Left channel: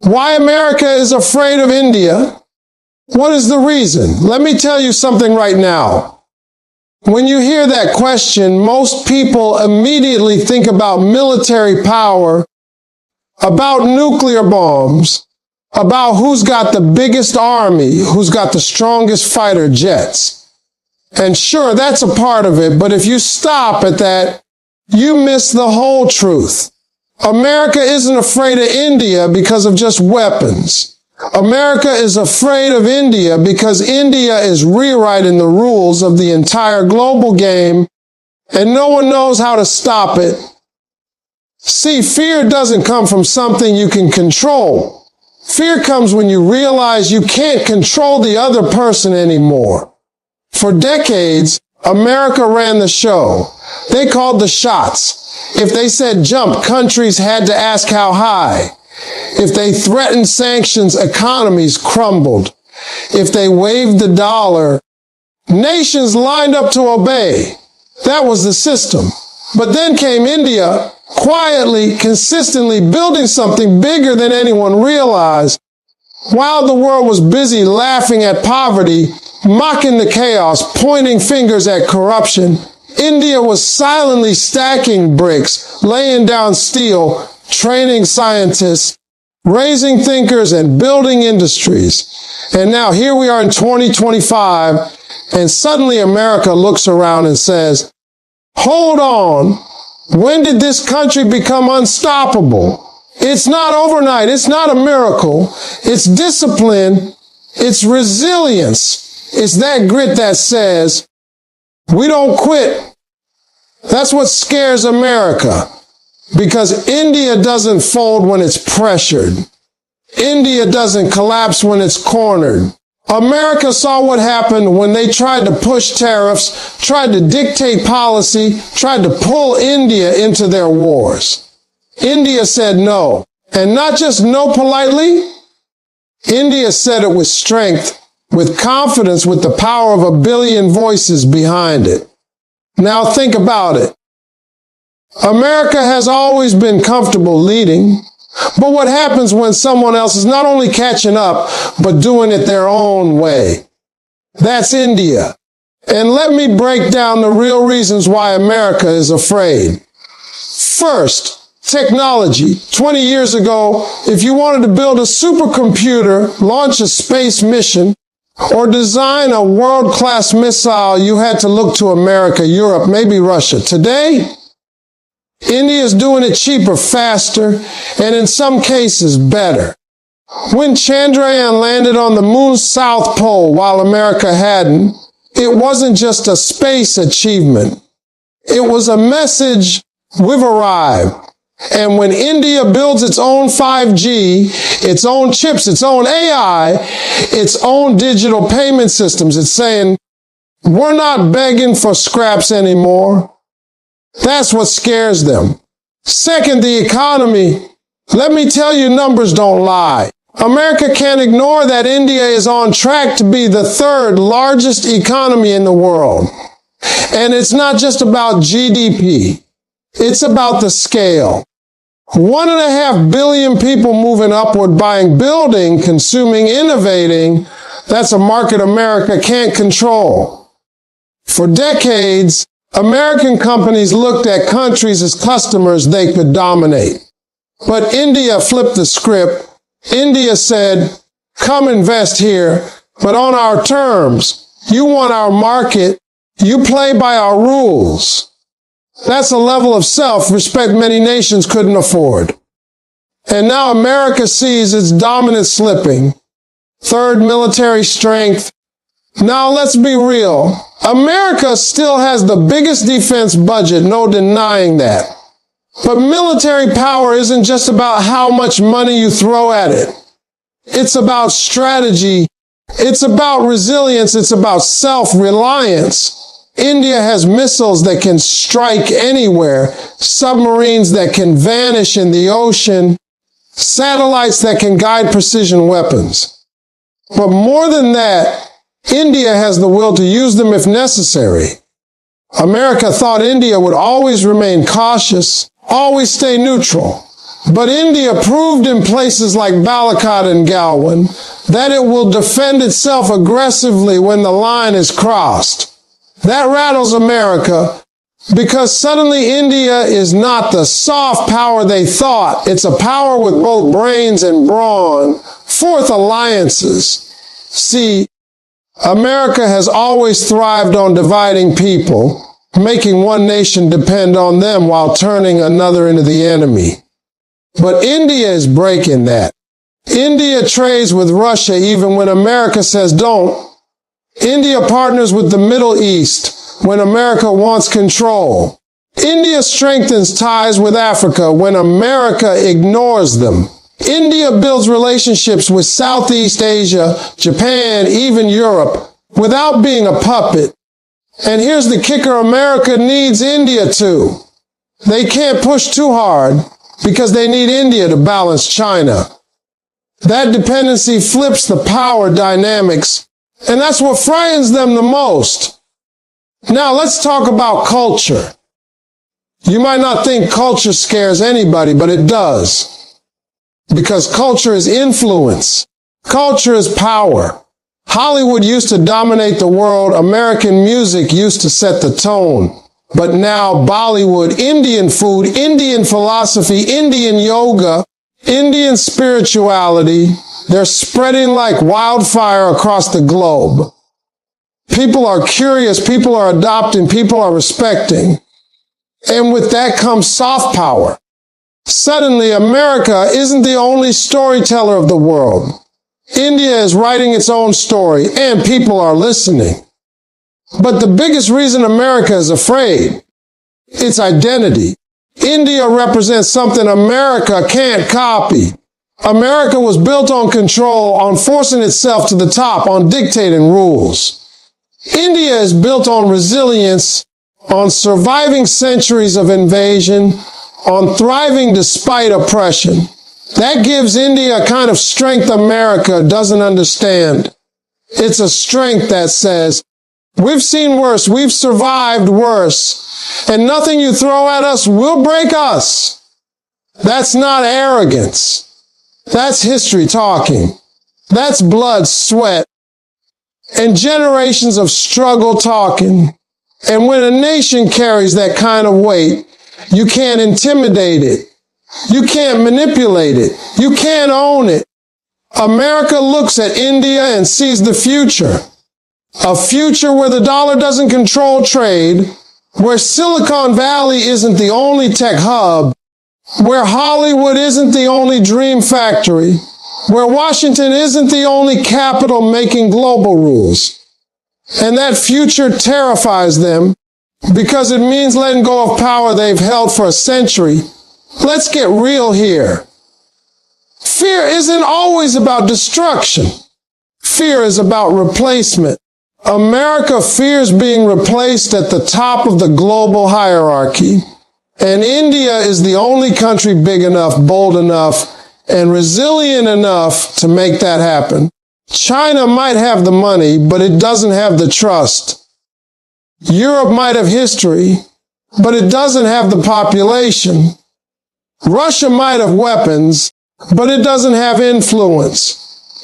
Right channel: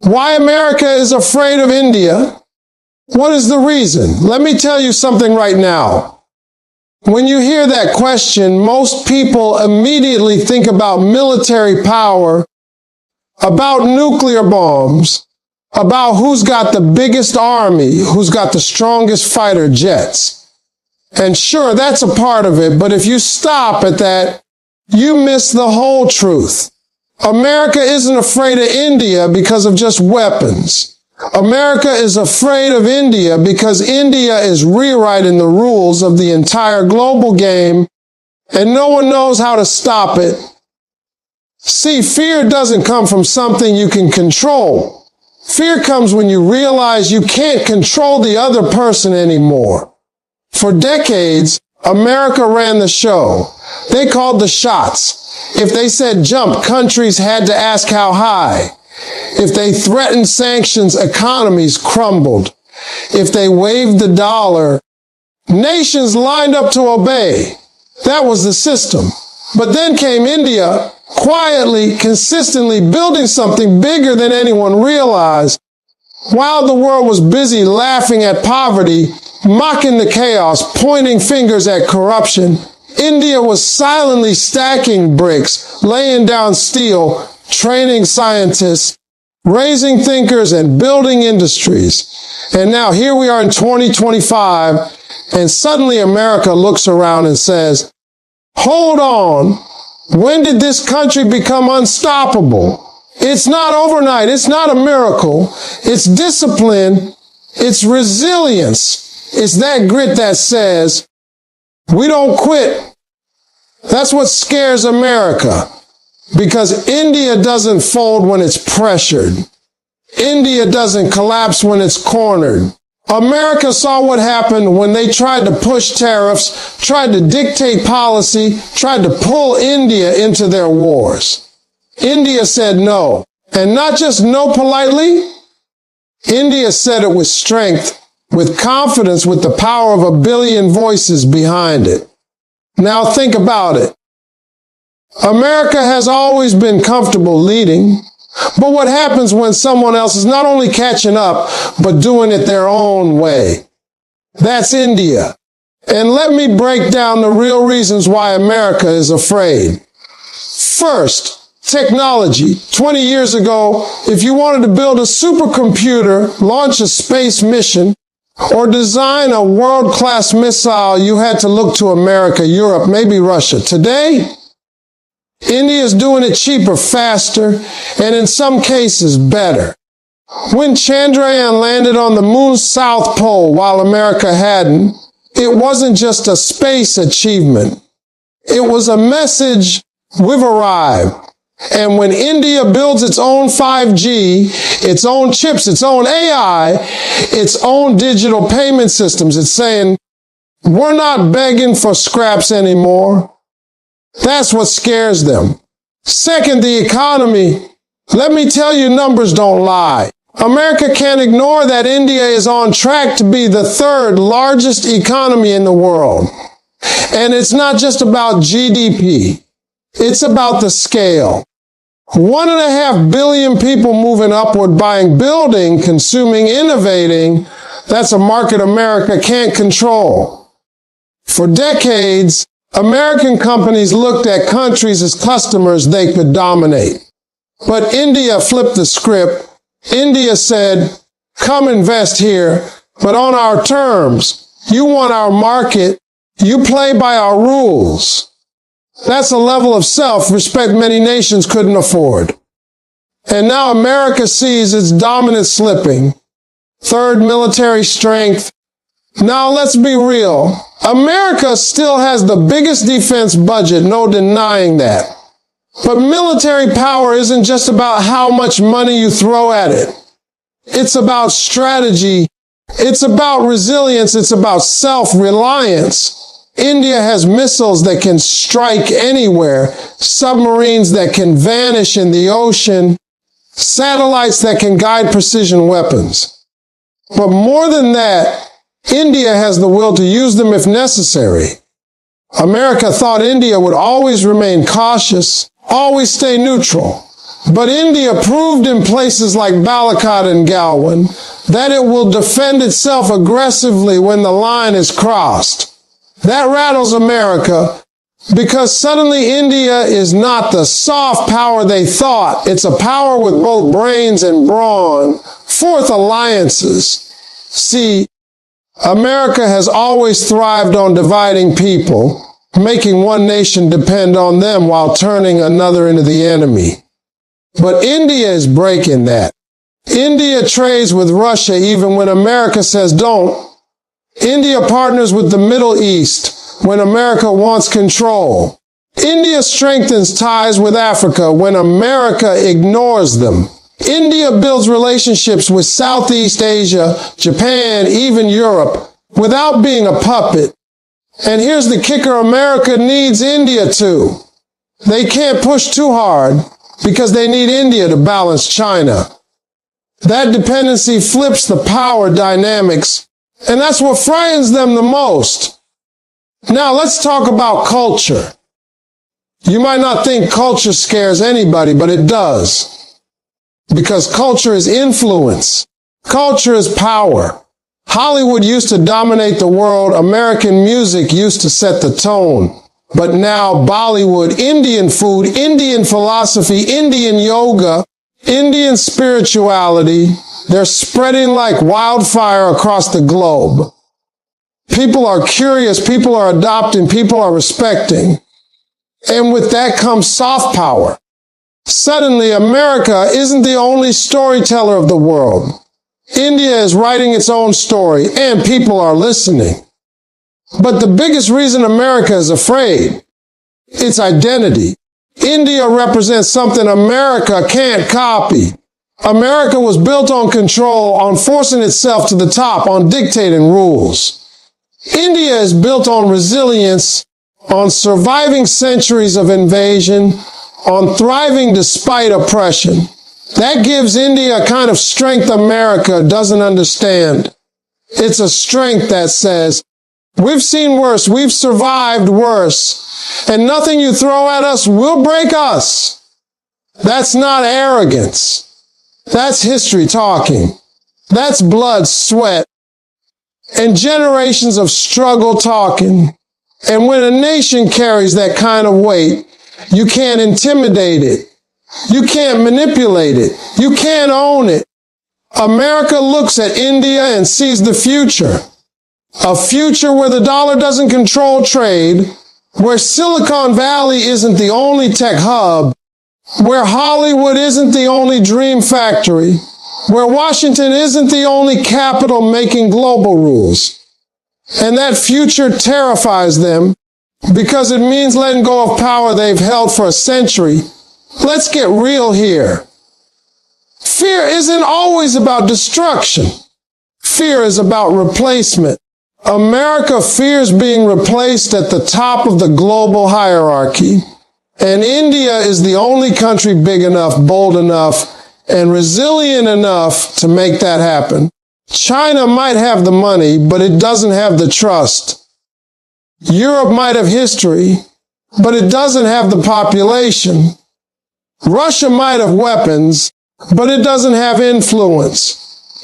Why America is afraid of India? What is the reason? Let me tell you something right now. When you hear that question, most people immediately think about military power, about nuclear bombs, about who's got the biggest army, who's got the strongest fighter jets. And sure, that's a part of it, but if you stop at that, you miss the whole truth. America isn't afraid of India because of just weapons. America is afraid of India because India is rewriting the rules of the entire global game, and no one knows how to stop it. See, fear doesn't come from something you can control. Fear comes when you realize you can't control the other person anymore. For decades, America ran the show. They called the shots. If they said jump, countries had to ask how high. If they threatened sanctions, economies crumbled. If they waved the dollar, nations lined up to obey. That was the system. But then came India, quietly, consistently building something bigger than anyone realized. While the world was busy laughing at poverty, mocking the chaos, pointing fingers at corruption, India was silently stacking bricks, laying down steel, training scientists, raising thinkers, and building industries. And now here we are in 2025, and suddenly America looks around and says, hold on, when did this country become unstoppable? It's not overnight. It's not a miracle. It's discipline. It's resilience. It's that grit that says, we don't quit. That's what scares America. Because India doesn't fold when it's pressured. India doesn't collapse when it's cornered. America saw what happened when they tried to push tariffs, tried to dictate policy, tried to pull India into their wars. India said no. And not just no politely. India said it with strength, with confidence, with the power of a billion voices behind it. Now think about it. America has always been comfortable leading, but what happens when someone else is not only catching up, but doing it their own way? That's India. And let me break down the real reasons why America is afraid. First, technology. 20 years ago, if you wanted to build a supercomputer, launch a space mission, or design a world-class missile, you had to look to America, Europe, maybe Russia. Today, India is doing it cheaper, faster, and in some cases better. When Chandrayaan landed on the moon's south pole while America hadn't, it wasn't just a space achievement. It was a message, we've arrived. And when India builds its own 5G, its own chips, its own AI, its own digital payment systems, it's saying, we're not begging for scraps anymore. That's what scares them. Second, the economy. Let me tell you, numbers don't lie. America can't ignore that India is on track to be the third largest economy in the world. And it's not just about GDP. It's about the scale. 1.5 billion people moving upward, buying, building, consuming, innovating. That's a market America can't control. For decades, American companies looked at countries as customers they could dominate. But India flipped the script. India said, come invest here, but on our terms. You want our market. You play by our rules. That's a level of self-respect many nations couldn't afford. And now America sees its dominance slipping. Third, military strength. Now let's be real. America still has the biggest defense budget, no denying that. But military power isn't just about how much money you throw at it. It's about strategy. It's about resilience. It's about self-reliance. India has missiles that can strike anywhere, submarines that can vanish in the ocean, satellites that can guide precision weapons. But more than that, India has the will to use them if necessary. America thought India would always remain cautious, always stay neutral. But India proved in places like Balakat and Galwan that it will defend itself aggressively when the line is crossed. That rattles America because suddenly India is not the soft power they thought. It's a power with both brains and brawn. Fourth, alliances. See, America has always thrived on dividing people, making one nation depend on them while turning another into the enemy. But India is breaking that. India trades with Russia even when America says don't. India partners with the Middle East when America wants control. India strengthens ties with Africa when America ignores them. India builds relationships with Southeast Asia, Japan, even Europe, without being a puppet. And here's the kicker America needs India too. They can't push too hard because they need India to balance China. That dependency flips the power dynamics, and that's what frightens them the most. Now let's talk about culture. You might not think culture scares anybody, but it does. Because culture is influence. Culture is power. Hollywood used to dominate the world. American music used to set the tone. But now Bollywood, Indian food, Indian philosophy, Indian yoga, Indian spirituality, they're spreading like wildfire across the globe. People are curious, people are adopting, people are respecting. Suddenly, America isn't the only storyteller of the world. India is writing its own story, and people are listening. But the biggest reason America is afraid, its identity. India represents something America can't copy. America was built on control, on forcing itself to the top, on dictating rules. India is built on resilience. It's a strength that says, we've seen worse, we've survived worse, and nothing you throw at us will break us. That's not arrogance. That's history talking. That's blood, sweat, and generations of struggle talking. And when a nation carries that kind of weight, you can't intimidate it. You can't manipulate it. You can't own it. America looks at India and sees the future. A future where the dollar doesn't control trade, where Silicon Valley isn't the only tech hub, where Hollywood isn't the only dream factory, where Washington isn't the only capital making global rules. And that future terrifies them because it means letting go of power they've held for a century. Let's get real here. Fear isn't always about destruction. Fear is about replacement. America fears being replaced at the top of the global hierarchy. And India is the only country big enough, bold enough, and resilient enough to make that happen. China might have the money, but it doesn't have the trust. Europe might have history, but it doesn't have the population. Russia might have weapons, but it doesn't have influence.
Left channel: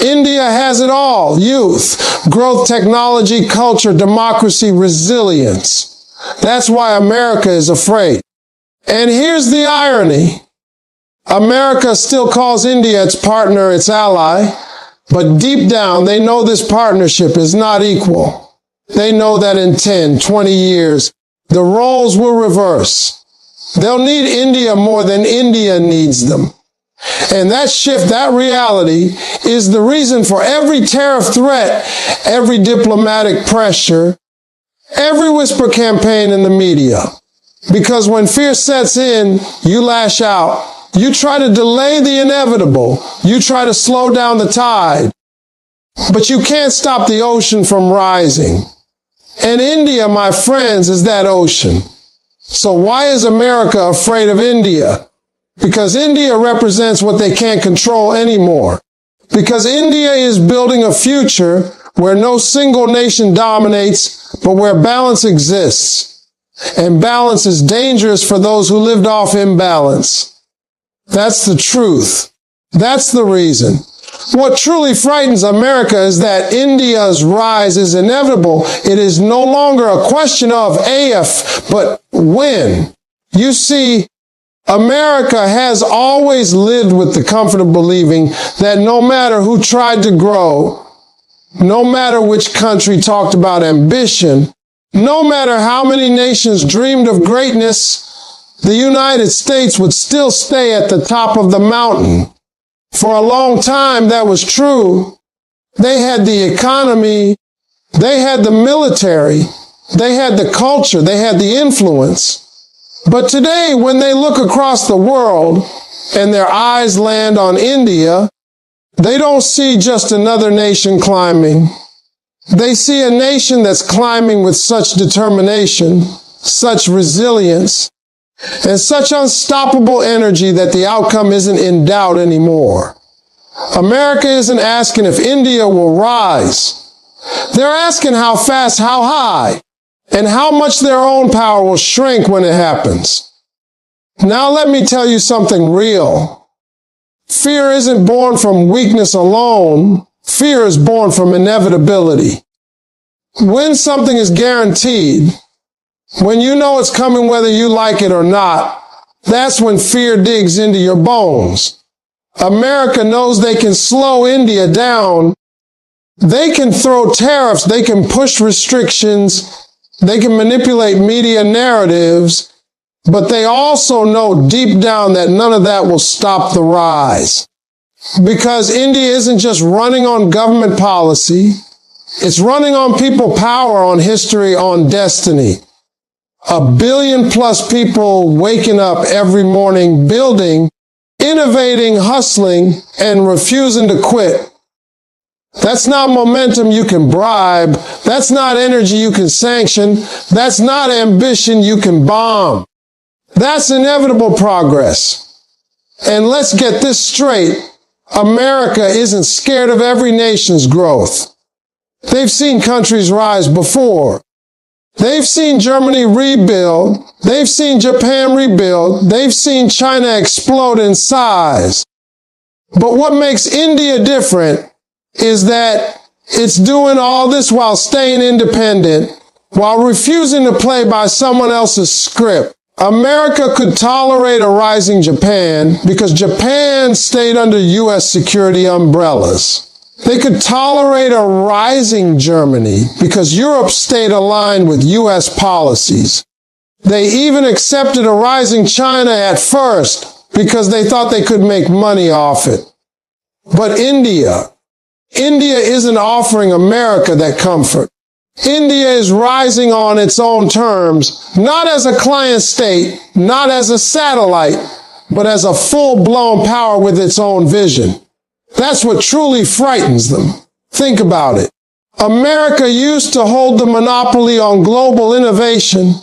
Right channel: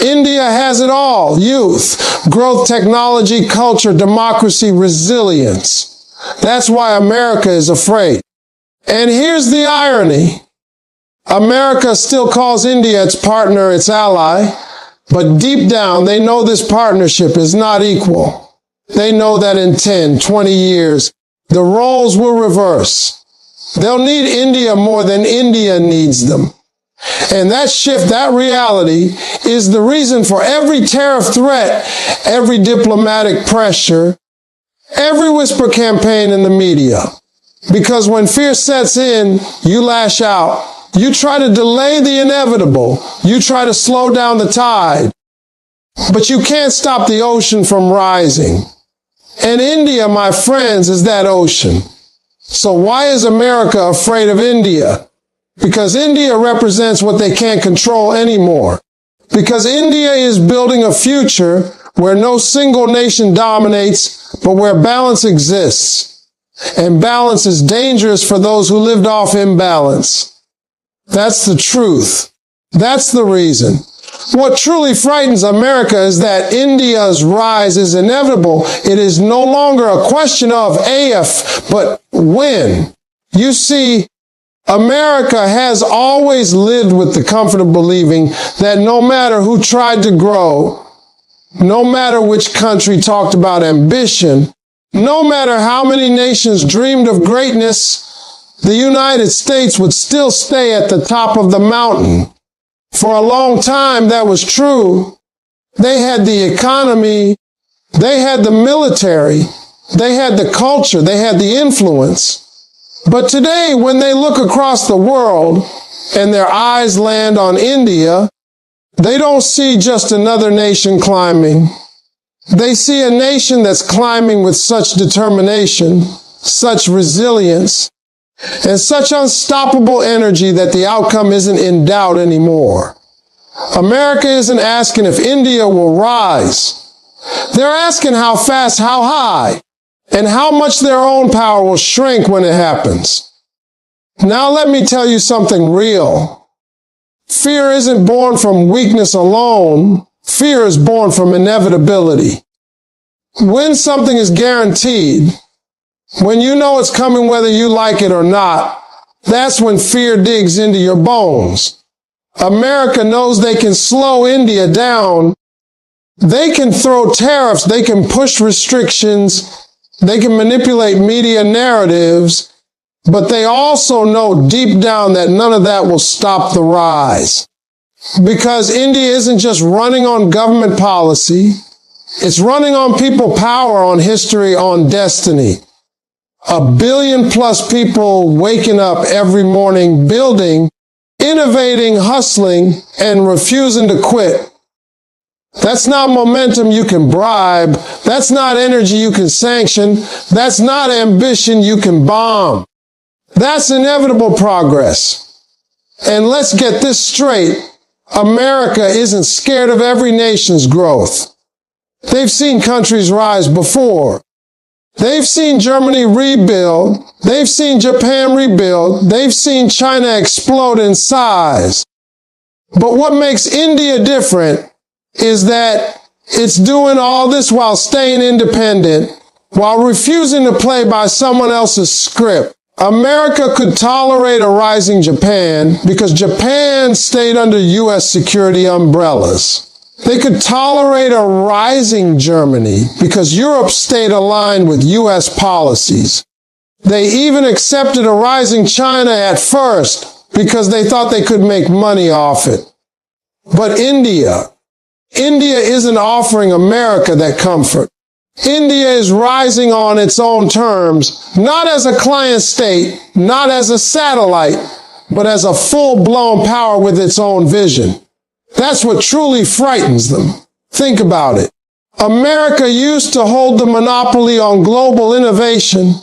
India has it all: youth, growth, technology, culture, democracy, resilience. That's why America is afraid. And here's the irony. America still calls India its partner, its ally, but deep down they know this partnership is not equal. They know that in 10, 20 years, the roles will reverse. They'll need India more than India needs them. And that shift, that reality, is the reason for every tariff threat, every diplomatic pressure, every whisper campaign in the media. Because when fear sets in, you lash out. You try to delay the inevitable. You try to slow down the tide. But you can't stop the ocean from rising. And India, my friends, is that ocean. So why is America afraid of India? Because India represents what they can't control anymore. Because India is building a future where no single nation dominates, but where balance exists. And balance is dangerous for those who lived off imbalance. That's the truth. That's the reason. What truly frightens America is that India's rise is inevitable. It is no longer a question of if, but when. You see, America has always lived with the comfort of believing that no matter who tried to grow, no matter which country talked about ambition, no matter how many nations dreamed of greatness, the United States would still stay at the top of the mountain. For a long time, that was true. They had the economy, they had the military, they had the culture, they had the influence. But today, when they look across the world and their eyes land on India, they don't see just another nation climbing. They see a nation that's climbing with such determination, such resilience, and such unstoppable energy that the outcome isn't in doubt anymore. America isn't asking if India will rise. They're asking how fast, how high, and how much their own power will shrink when it happens. Now let me tell you something real. Fear isn't born from weakness alone. Fear is born from inevitability. When something is guaranteed, when you know it's coming whether you like it or not, that's when fear digs into your bones. America knows they can slow India down. They can throw tariffs. They can push restrictions. They can manipulate media narratives. But they also know deep down that none of that will stop the rise. Because India isn't just running on government policy. It's running on people power, on history, on destiny. A billion plus people waking up every morning building, innovating, hustling, and refusing to quit. That's not momentum you can bribe. That's not energy you can sanction. That's not ambition you can bomb. That's inevitable progress. And let's get this straight. America isn't scared of every nation's growth. They've seen countries rise before. They've seen Germany rebuild. They've seen Japan rebuild. They've seen China explode in size. But what makes India different is that it's doing all this while staying independent, while refusing to play by someone else's script. America could tolerate a rising Japan because Japan stayed under U.S. security umbrellas. They could tolerate a rising Germany because Europe stayed aligned with U.S. policies. They even accepted a rising China at first because they thought they could make money off it. But India isn't offering America that comfort. India is rising on its own terms, not as a client state, not as a satellite, but as a full-blown power with its own vision. That's what truly frightens them. Think about it. America used to hold the monopoly on global innovation.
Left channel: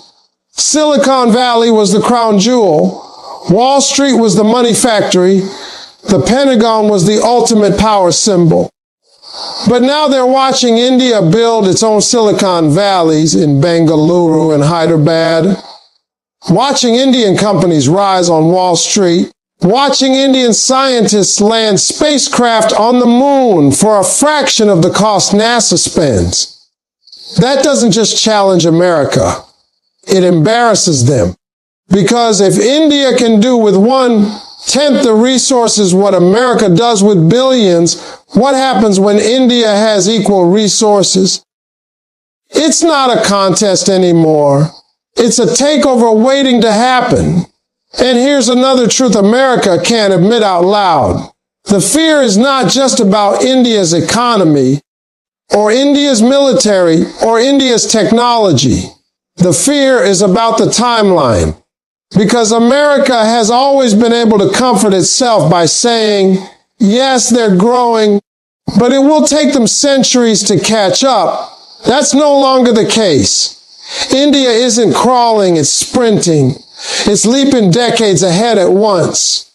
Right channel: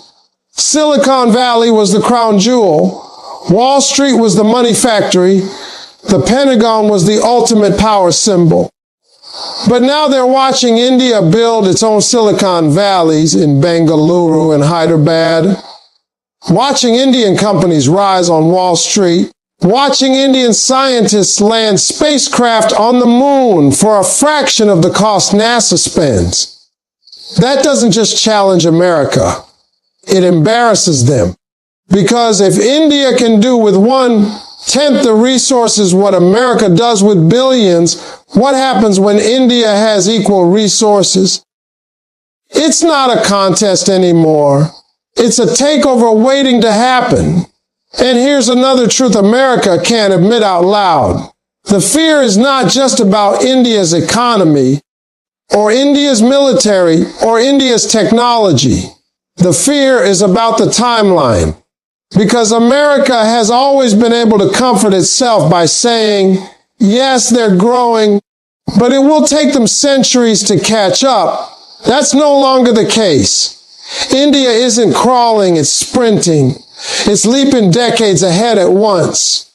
Silicon Valley was the crown jewel. Wall Street was the money factory. The Pentagon was the ultimate power symbol. But now they're watching India build its own Silicon Valleys in Bengaluru and Hyderabad. Watching Indian companies rise on Wall Street. Watching Indian scientists land spacecraft on the moon for a fraction of the cost NASA spends. That doesn't just challenge America. It embarrasses them. Because if India can do with 1/10 the resources what America does with billions, what happens when India has equal resources? It's not a contest anymore. It's a takeover waiting to happen. And here's another truth America can't admit out loud. The fear is not just about India's economy, or India's military, or India's technology. The fear is about the timeline. Because America has always been able to comfort itself by saying, yes, they're growing, but it will take them centuries to catch up. That's no longer the case. India isn't crawling, it's sprinting. It's leaping decades ahead at once.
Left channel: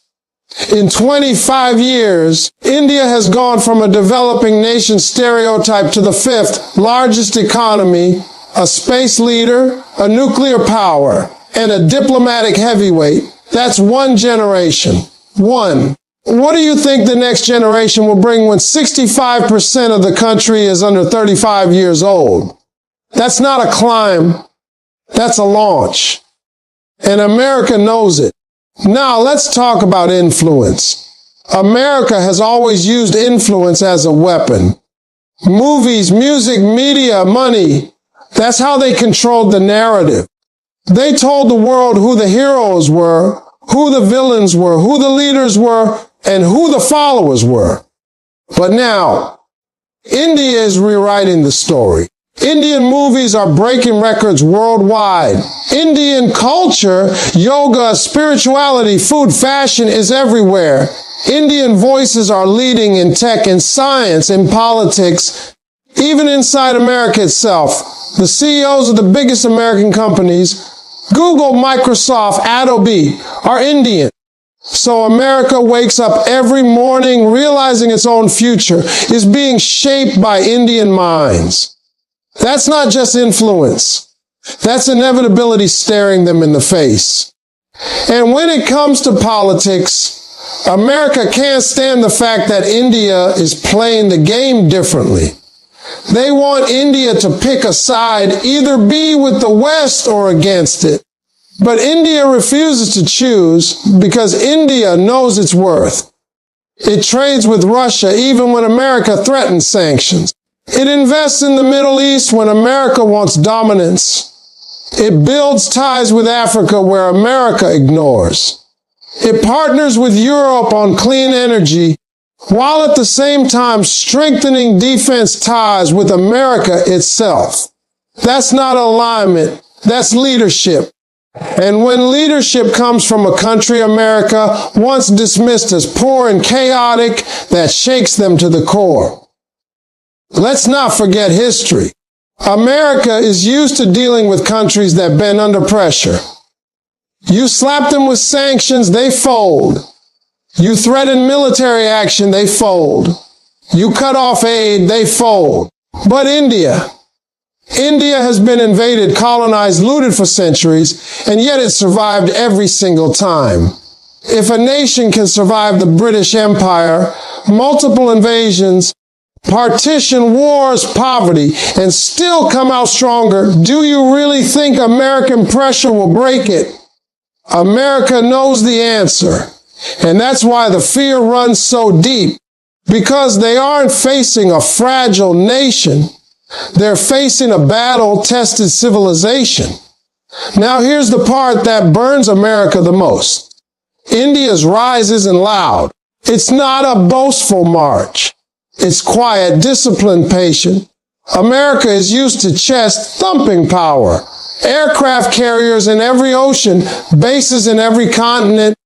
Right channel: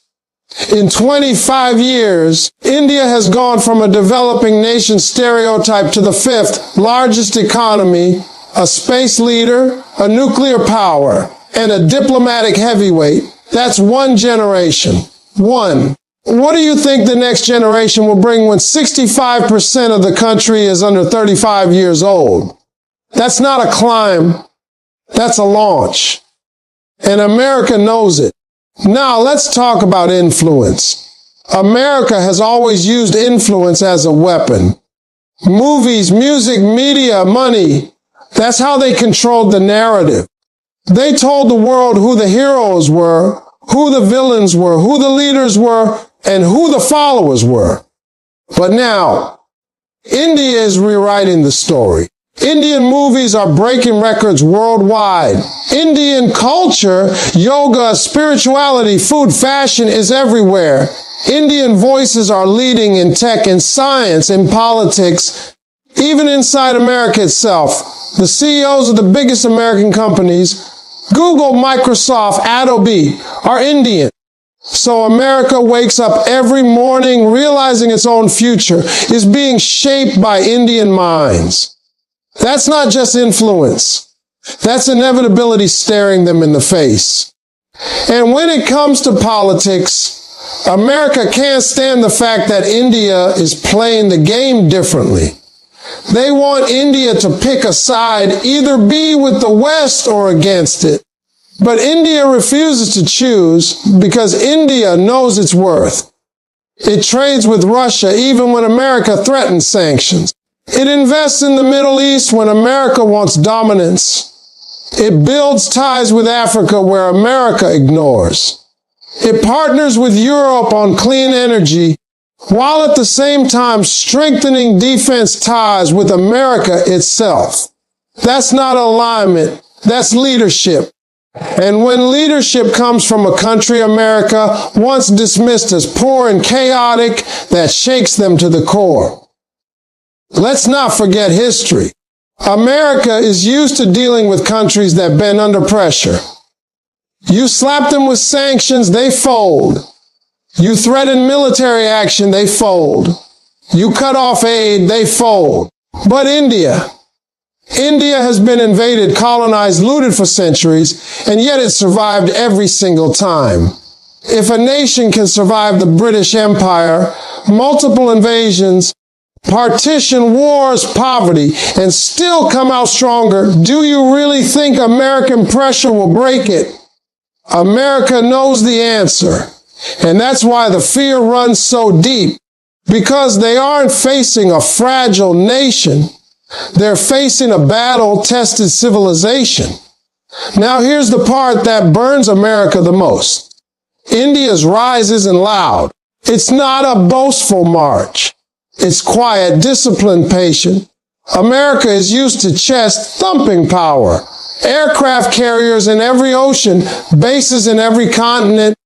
In 25 years, India has gone from a developing nation stereotype to the 5th largest economy, a space leader, a nuclear power, and a diplomatic heavyweight. That's one generation. One, what do you think the next generation will bring when 65% of the country is under 35 years old? That's not a climb. That's a launch. And America knows it. Now let's talk about influence. America has always used influence as a weapon. Movies, music, media, money. That's how they controlled the narrative. They told the world who the heroes were, who the villains were, who the leaders were, and who the followers were. But now, India is rewriting the story. Indian movies are breaking records worldwide. Indian culture, yoga, spirituality, food, fashion is everywhere. Indian voices are leading in tech, in science, in politics, even inside America itself. The CEOs of the biggest American companies, Google, Microsoft, Adobe, are Indian. So America wakes up every morning realizing its own future is being shaped by Indian minds. That's not just influence. That's inevitability staring them in the face. And when it comes to politics, America can't stand the fact that India is playing the game differently. They want India to pick a side, either be with the West or against it. But India refuses to choose because India knows its worth. It trades with Russia even when America threatens sanctions. It invests in the Middle East when America wants dominance. It builds ties with Africa where America ignores. It partners with Europe on clean energy, while at the same time strengthening defense ties with America itself. That's not alignment. That's leadership. And when leadership comes from a country America once dismissed as poor and chaotic, that shakes them to the core. Let's not forget history. America is used to dealing with countries that been under pressure. You slap them with sanctions, they fold. You threaten military action, they fold. You cut off aid, they fold. But India has been invaded, colonized, looted for centuries, and yet it survived every single time. If a nation can survive the British Empire, multiple invasions, partition, wars, poverty, and still come out stronger, do you really think American pressure will break it? America knows the answer. And that's why the fear runs so deep. Because they aren't facing a fragile nation. They're facing a battle-tested civilization. Now here's the part that burns America the most. India's rise isn't loud. It's not a boastful march. It's quiet, disciplined, patient. America is used to chest-thumping power. Aircraft carriers in every ocean, bases in every continent,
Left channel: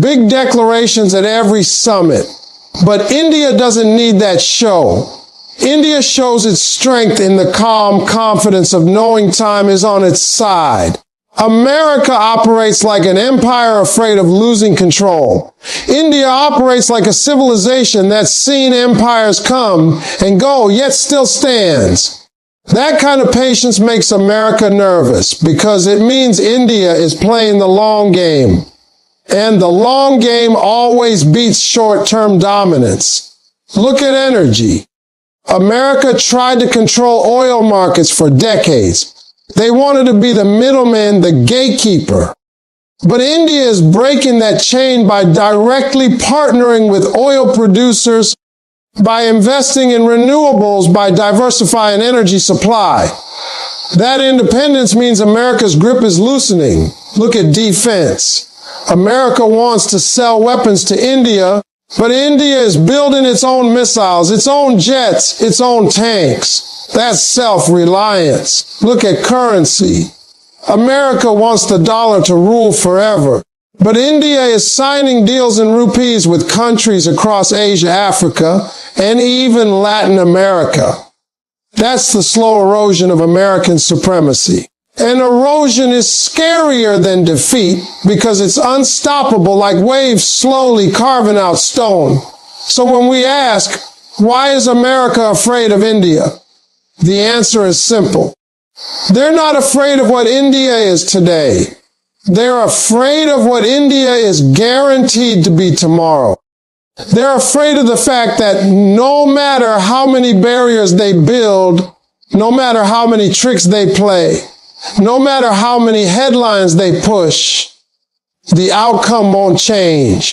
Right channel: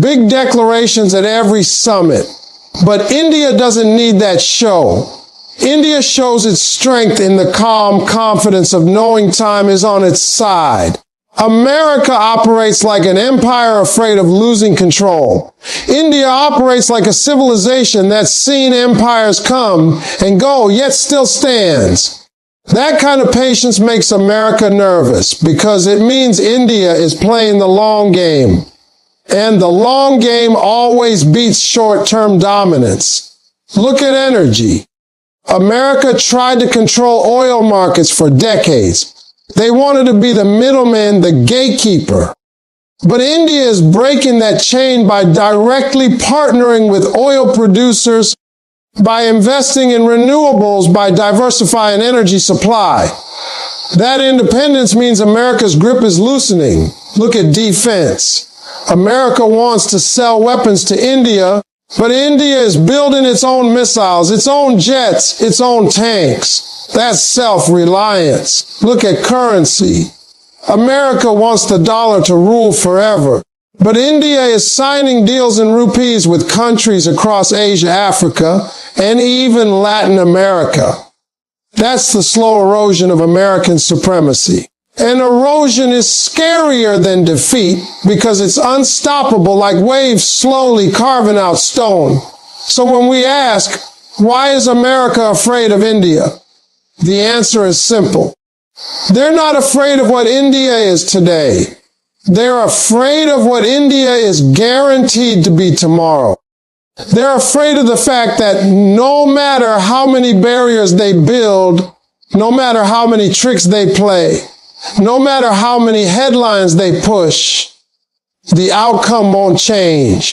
big declarations at every summit. But India doesn't need that show. India shows its strength in the calm confidence of knowing time is on its side. America operates like an empire afraid of losing control. India operates like a civilization that's seen empires come and go, yet still stands. That kind of patience makes America nervous because it means India is playing the long game. And the long game always beats short-term dominance. Look at energy. America tried to control oil markets for decades. They wanted to be the middleman, the gatekeeper. But India is breaking that chain by directly partnering with oil producers, by investing in renewables, by diversifying energy supply. That independence means America's grip is loosening. Look at defense. But India is building its own missiles, its own jets, its own tanks. That's self-reliance. Look at currency. America wants the dollar to rule forever. But India is signing deals in rupees with countries across Asia, Africa, and even Latin America. That's the celebration of American supremacy. And erosion is scarier than defeat because it's unstoppable like waves slowly carving out stone. So when we ask, why is America afraid of India? The answer is simple. They're not afraid of what India is today. They're afraid of what India is guaranteed to be tomorrow. They're afraid of the fact that no matter how many barriers they build, no matter how many tricks they play, no matter how many headlines they push, the outcome won't change.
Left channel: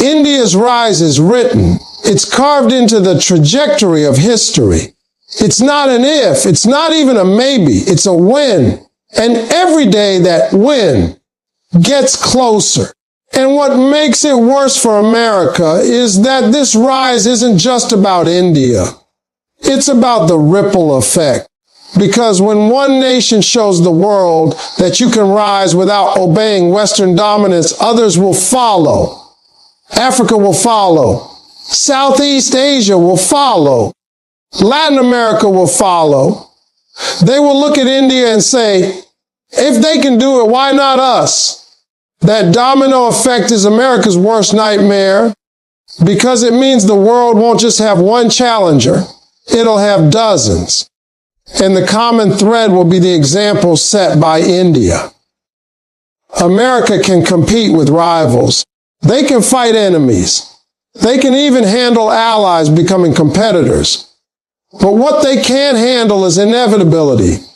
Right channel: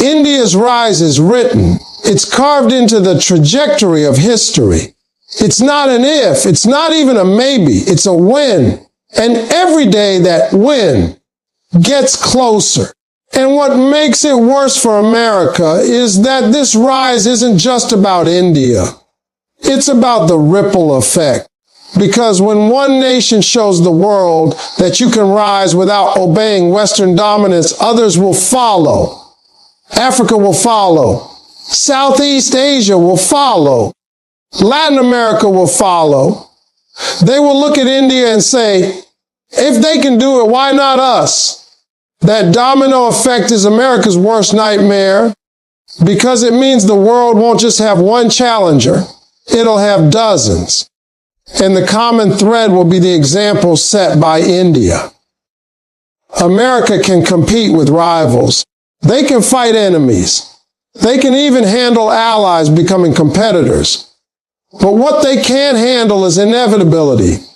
India's rise is written. It's carved into the trajectory of history. It's not an if, it's not even a maybe, it's a when. And every day that when gets closer. And what makes it worse for America is that this rise isn't just about India. It's about the ripple effect. Because when one nation shows the world that you can rise without obeying Western dominance, others will follow. Africa will follow. Southeast Asia will follow. Latin America will follow. They will look at India and say, if they can do it, why not us? That domino effect is America's worst nightmare because it means the world won't just have one challenger. It'll have dozens. And the common thread will be the example set by India. America can compete with rivals. They can fight enemies. They can even handle allies becoming competitors. But what they can't handle is inevitability.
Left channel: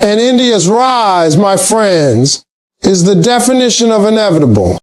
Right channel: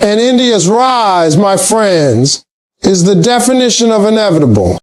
And India's rise, my friends, is the definition of inevitable.